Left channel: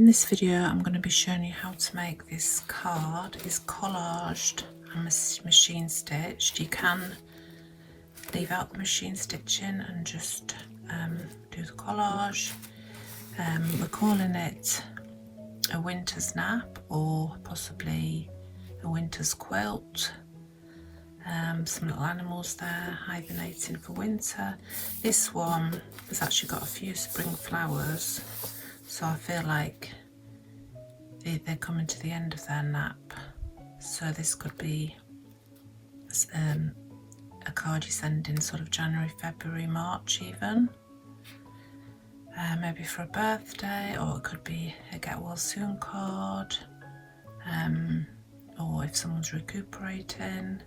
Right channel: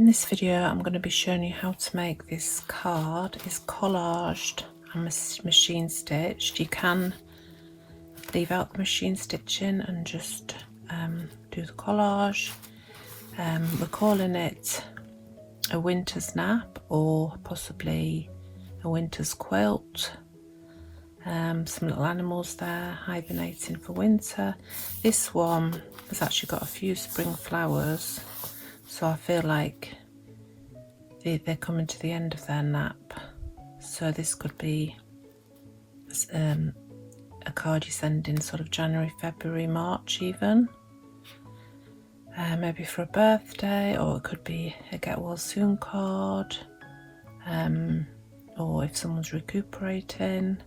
In this video I'm going to be showing you how to make this card. It's collaged and machine stitched. You can leave out the machine stitching and just do the collage. We're calling it a winter's nap or possibly a winter's quilt. Some little animals there hibernating for winter. This one has actually got a few spring flowers, so I feel like they're coming to the end of their nap. So this could be a card you send in sort of January, February, March even. Maybe for a birthday, or it could be a get well soon card, or if someone's recuperating.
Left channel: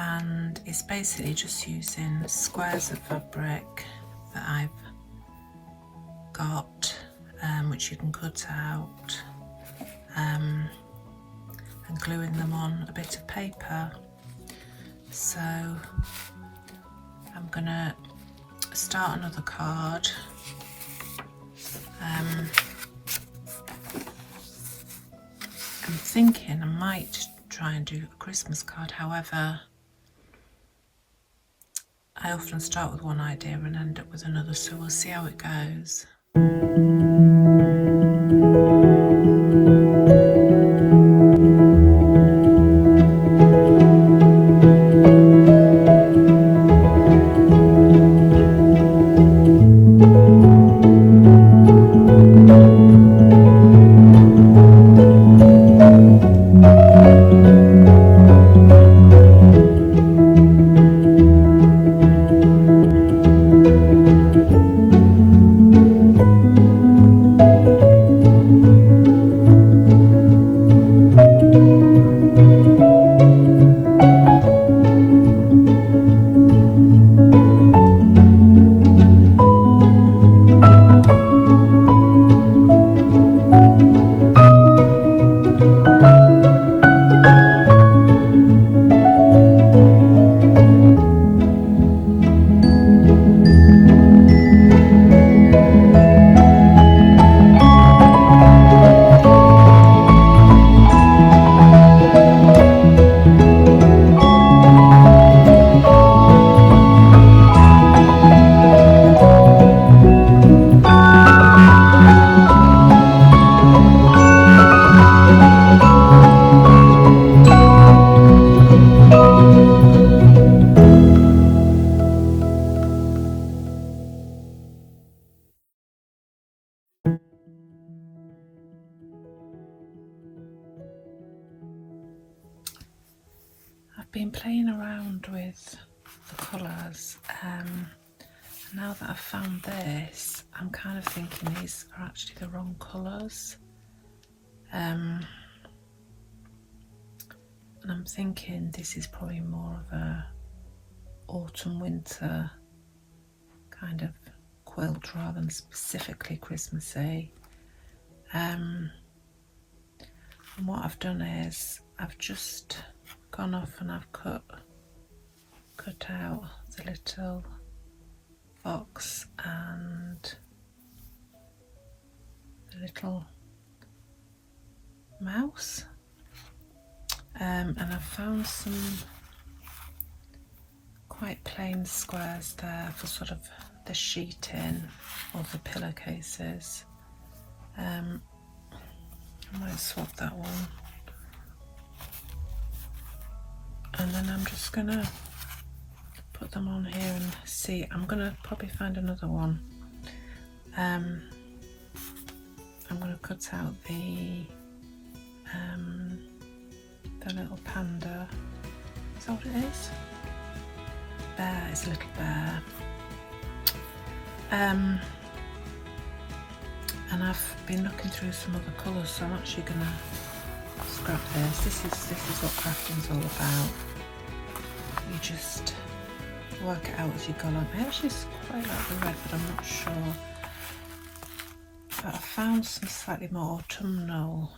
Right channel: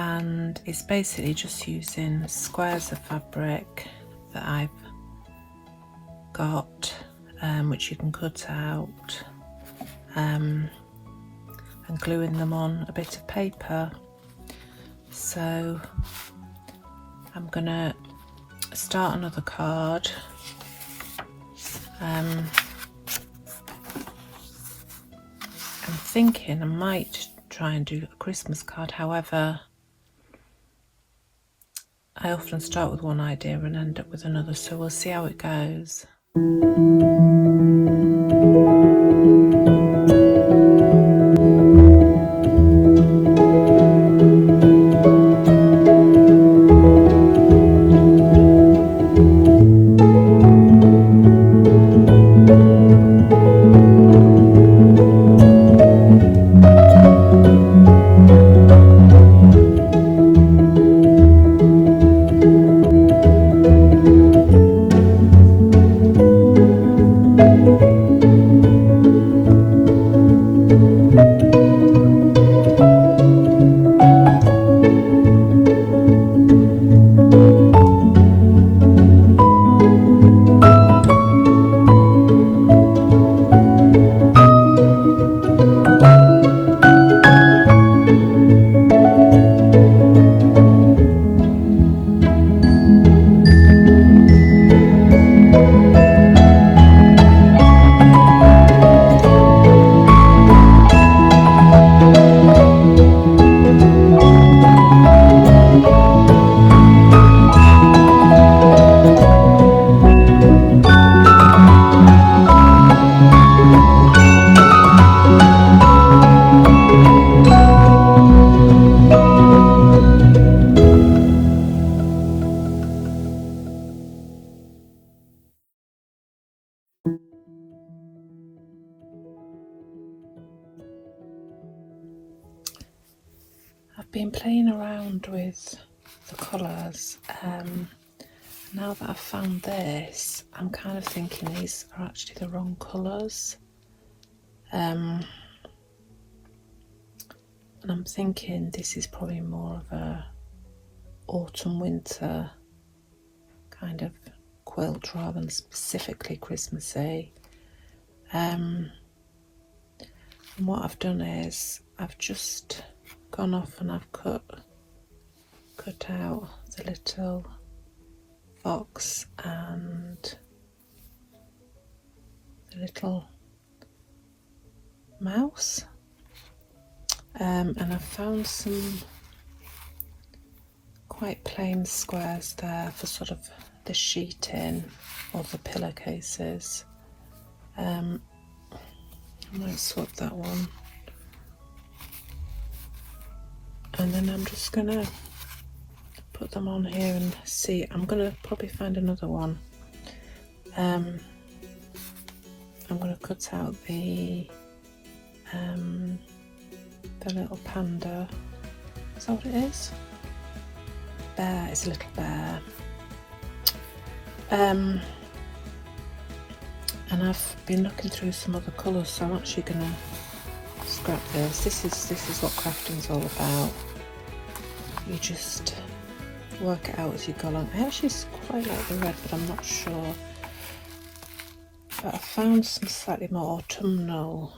And it's basically just using squares of fabric that I've got, which you can cut out, and gluing them on a bit of paper. So I'm gonna start another card. I'm thinking I might try and do a Christmas card, however I often start with one idea and end up with another, so we'll see how it goes. I've been playing around with the colours. Now that I've found this, I'm kind of thinking these are actually the wrong colours. And I'm thinking this is probably more of a autumn winter kind of quilt rather than specifically Christmassy. And what I've done is I've just gone off and I've cut out the little fox and the little mouse, and I've found some quite plain squares there for sort of the sheeting or the pillowcases. I might swap that one, and then I'm just gonna put them on here and see. I'm gonna probably find another one. I'm gonna cut out the little panda. Is that what it is? Bear. It's a little bear. And I've been looking through some other colours, so I'm actually gonna scrap this. This is what crafting's all about. You just work it out as you go along. I actually quite like the red, but I'm not sure. But I found some slightly more autumnal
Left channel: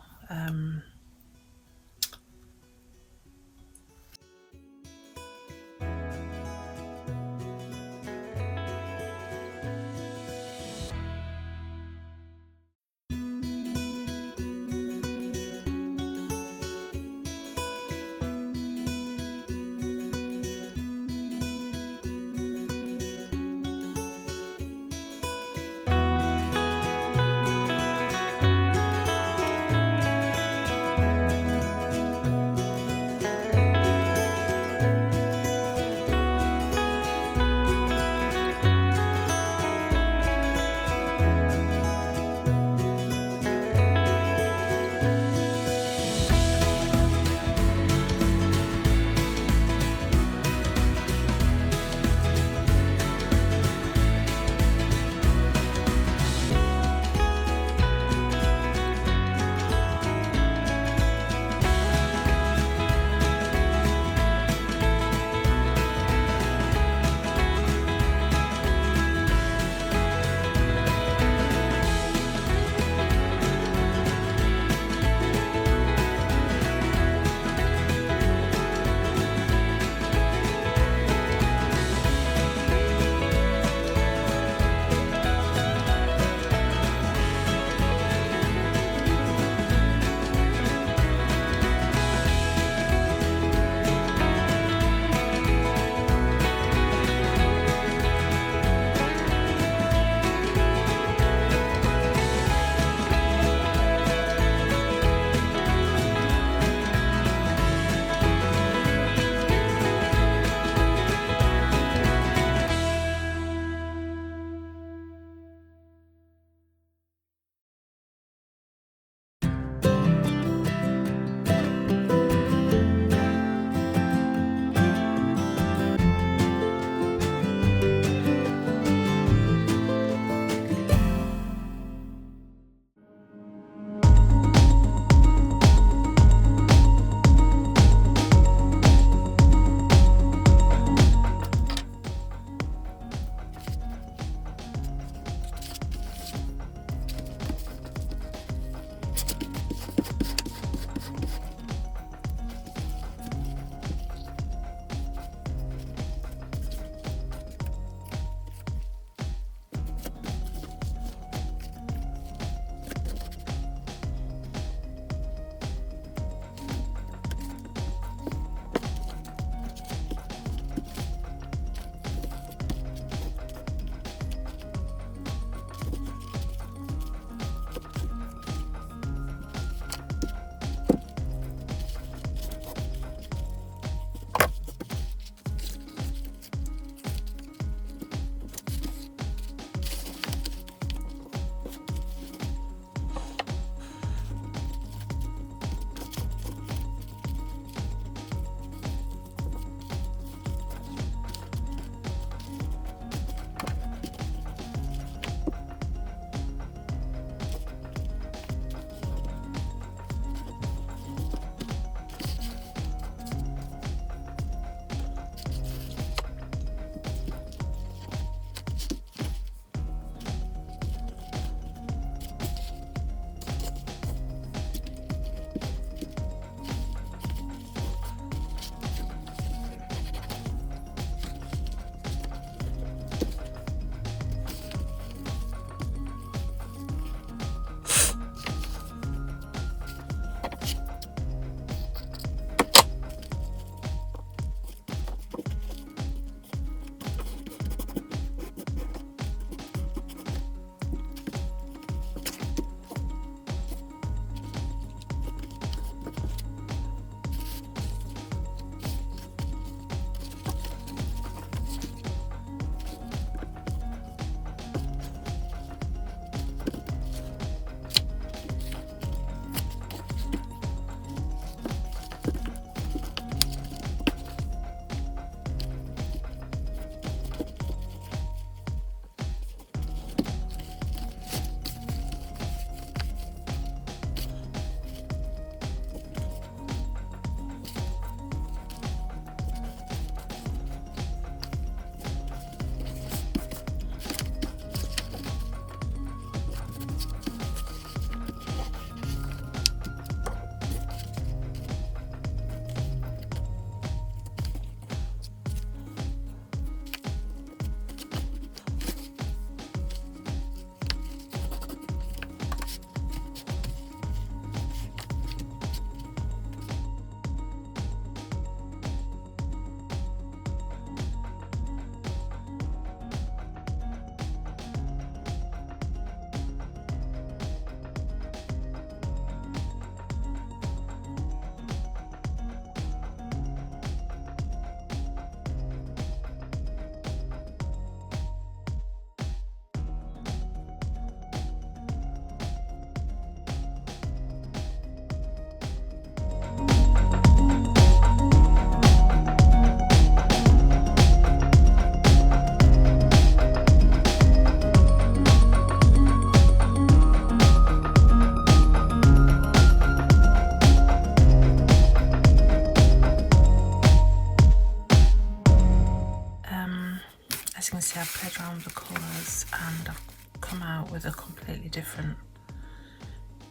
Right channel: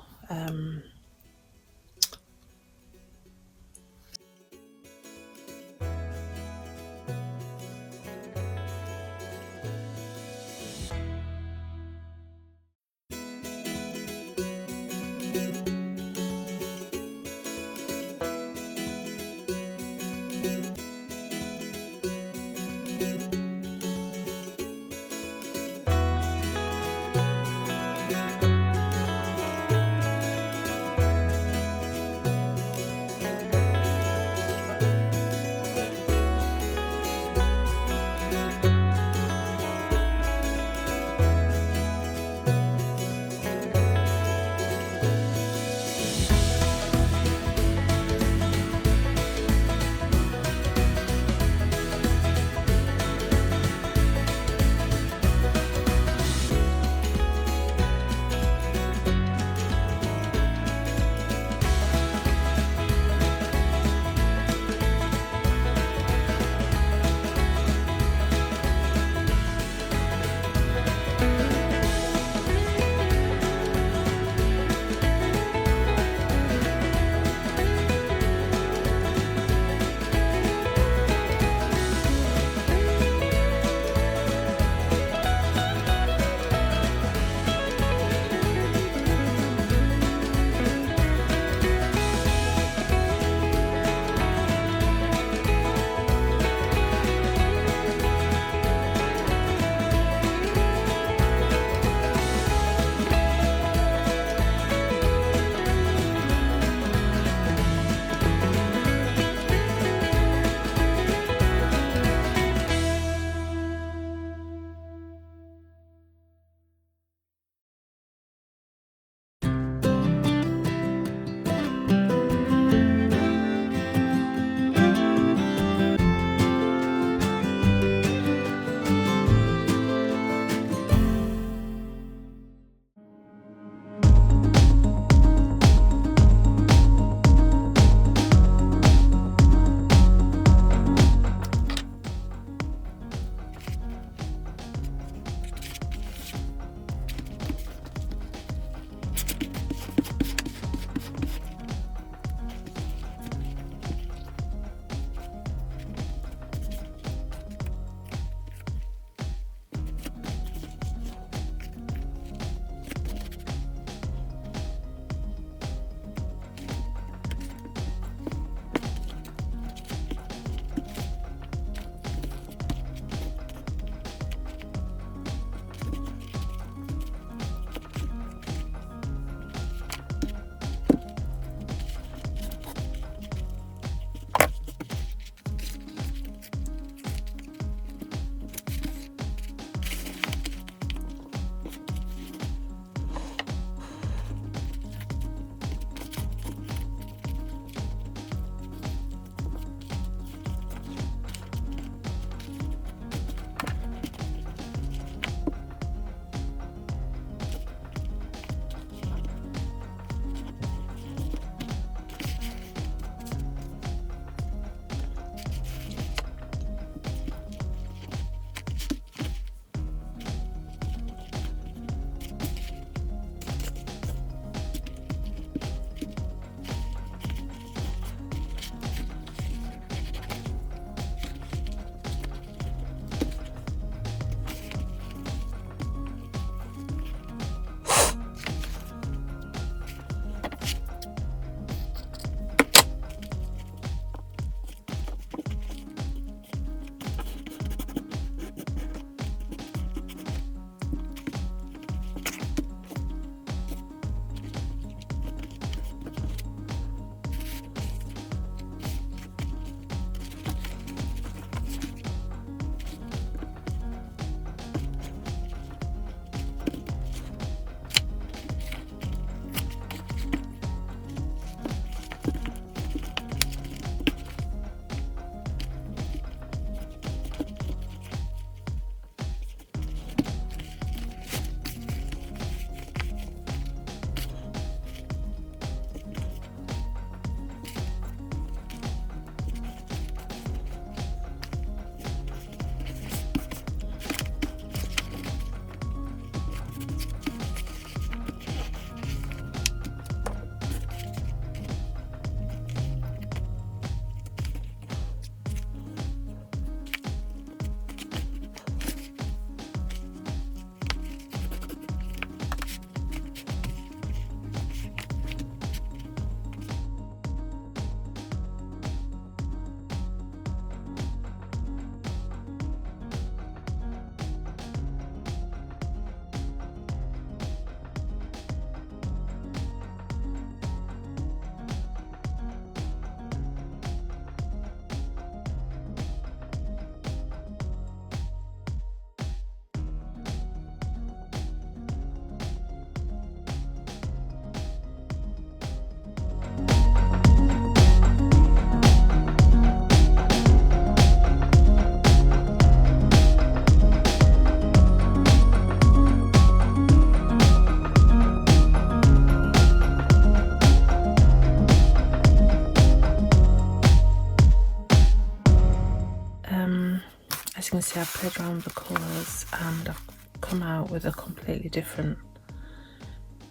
you can see, I've played around with the colours and I've come out with a completely different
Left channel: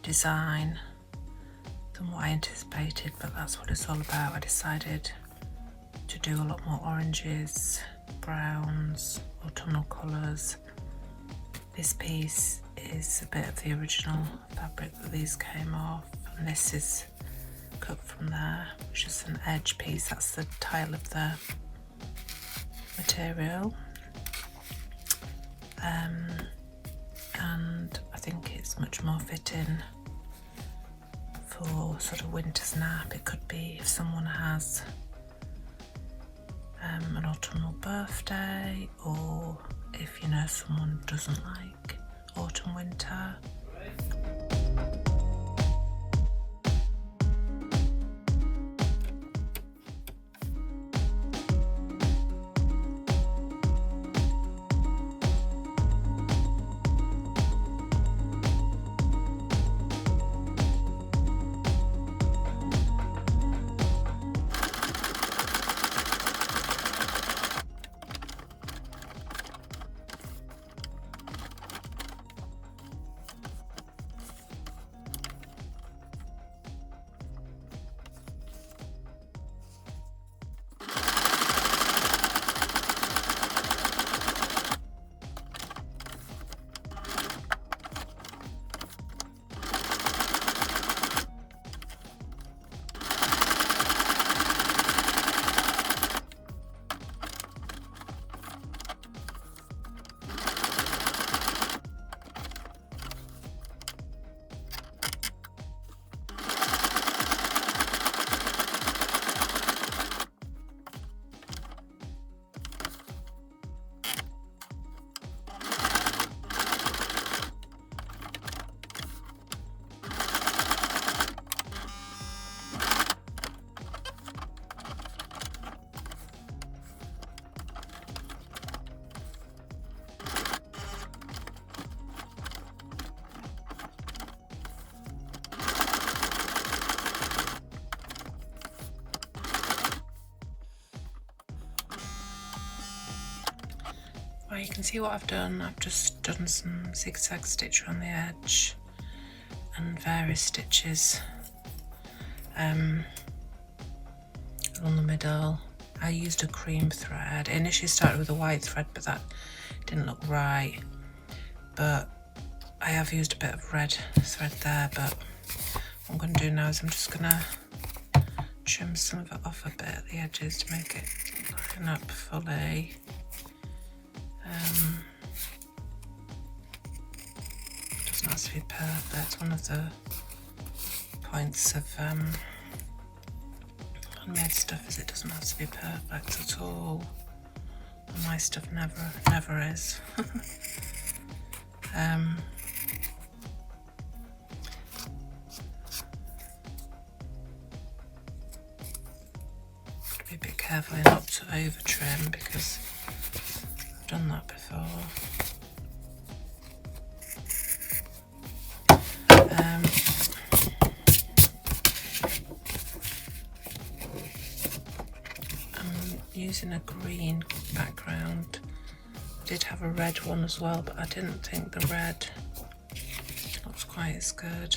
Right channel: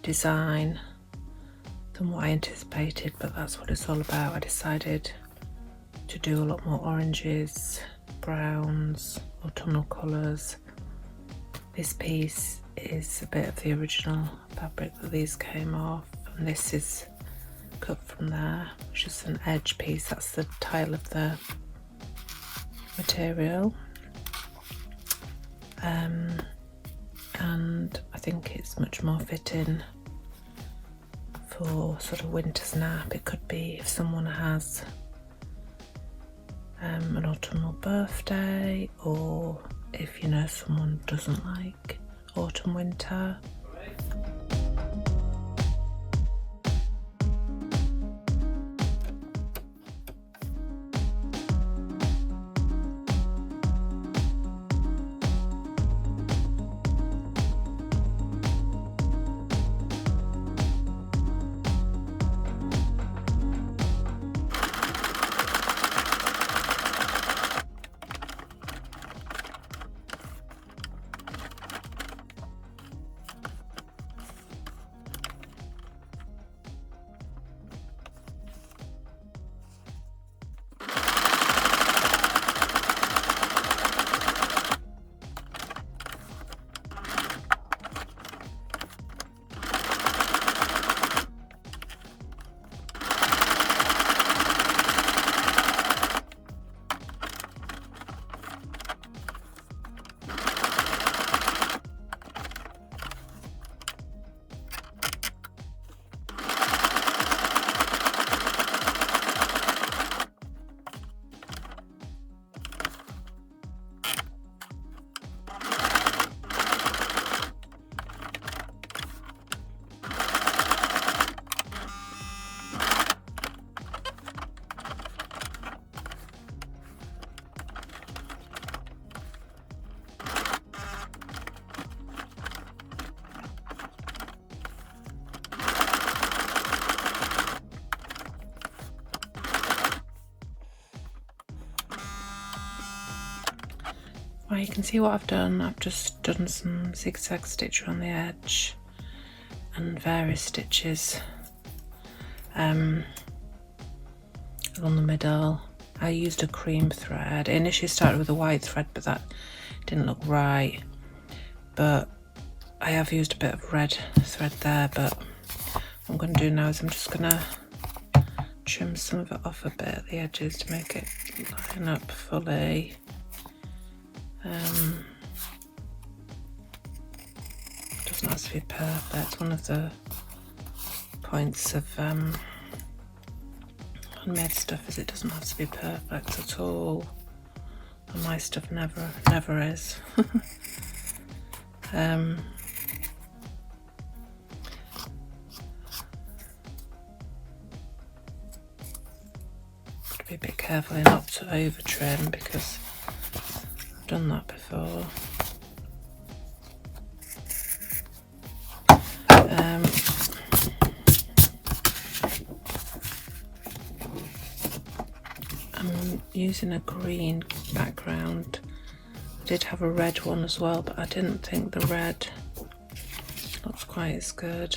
design than what I anticipated, but that's what it's all about. I decided to do a lot more oranges, browns, autumnal colours. This piece is a bit of the original fabric that these came off, and this is cut from there, which is an edge piece. That's the tile of the material, and I think it's much more fitting for sort of winter's nap. It could be if someone has an autumnal birthday, or if you know someone doesn't like autumn winter. Well, you can see what I've done. I've just done some zigzag stitch on the edge and various stitches along the middle. I used a cream thread. I initially started with a white thread, but that didn't look right. But I have used a bit of red thread there, but what I'm going to do now is I'm just going to trim some of it off a bit at the edges to make it line up fully. Doesn't have to be perfect. One of the points of handmade stuff is it doesn't have to be perfect at all. And my stuff never is. Be a bit careful not to over trim, because I've done that before. I'm using a green background. I did have a red one as well, but I didn't think the red looks quite as good.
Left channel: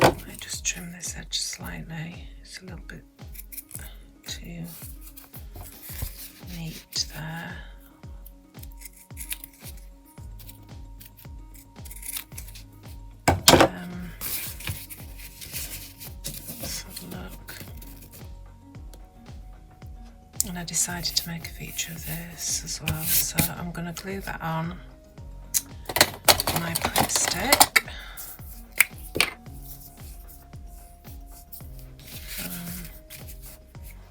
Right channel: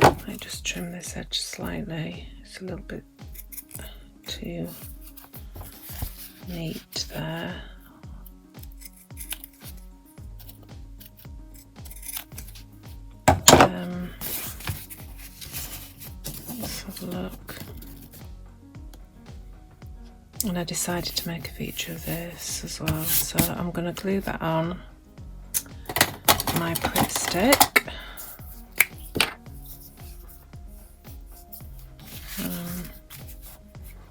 I might just trim this edge slightly. It's a little bit too neat there. Let's have a look. And I decided to make a feature of this as well, so I'm going to glue that on my prep stick.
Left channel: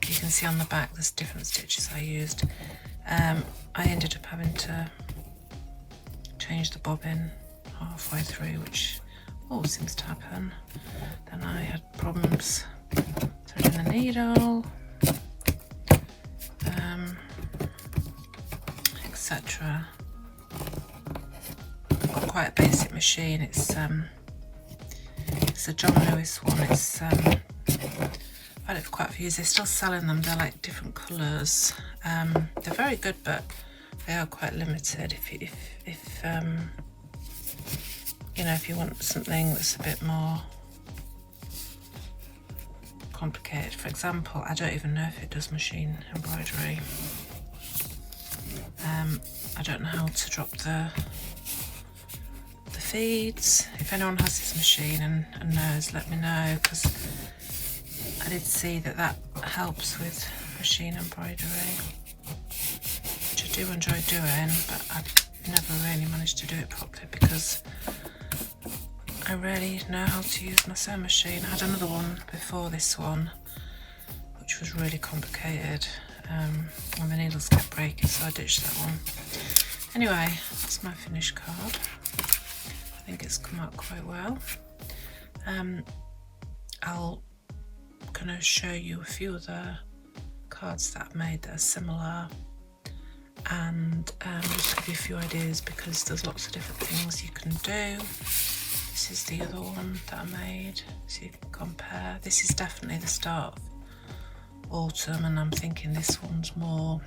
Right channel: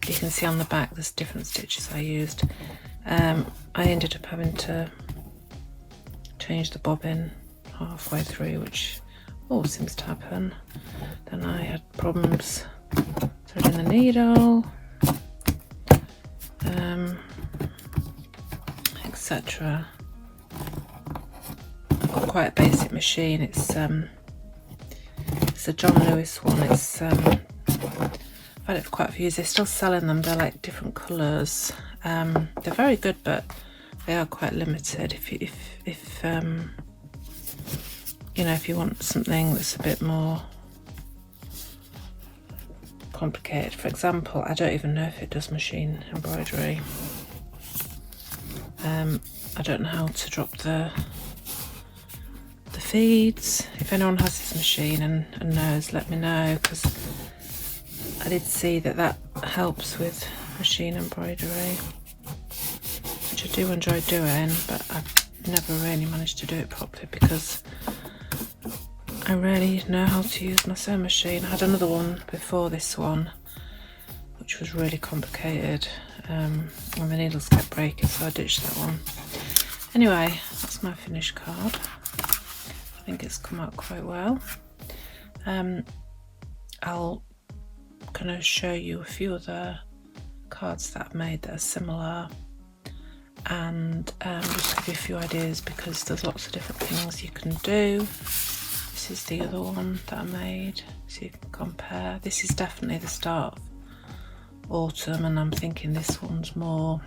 You can see on the back there's different stitches I used. I ended up having to change the bobbin halfway through, which always seems to happen. Then I had problems threading the needle, etc. I've got quite a basic machine. It's a John Lewis one. It's I've had it for quite a few years. They're still selling them. They're like different colours. They're very good, but they are quite limited. If you know, if you want something that's a bit more complicated. For example, I don't even know if it does machine embroidery. I don't know how to drop the feeds. If anyone has this machine and knows, let me know, because I did see that helps with machine embroidery, which I do enjoy doing, but I've never really managed to do it properly because I rarely know how to use my sewing machine. I had another one before this one, which was really complicated, and the needles kept breaking, so I ditched that one. Anyway, that's my finished card. I think it's come out quite well. I'll kind of show you a few other cards that I've made that are similar, and just give you a few ideas, because there's lots of different things you can do. This is the other one that I made, so you can compare. This is definitely the start of autumn, and I'm thinking this one's more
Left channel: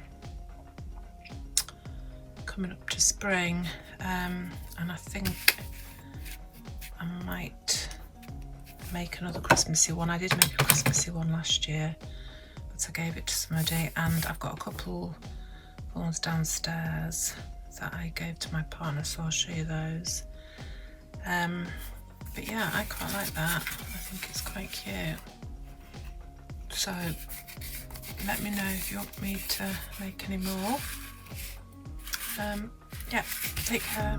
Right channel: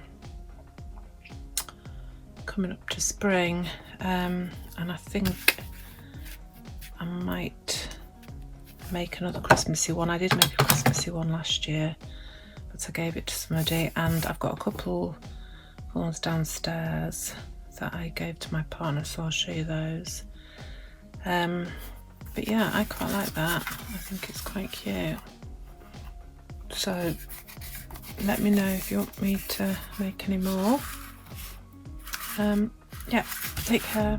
coming up to spring, and I think I might make another Christmassy one. I did make a Christmassy one last year, but I gave it to somebody, and I've got a couple ones downstairs that I gave to my partner, so I'll show you those. But yeah, I quite like that. I think it's quite cute. So let me know if you want me to make any more. Yeah, take care.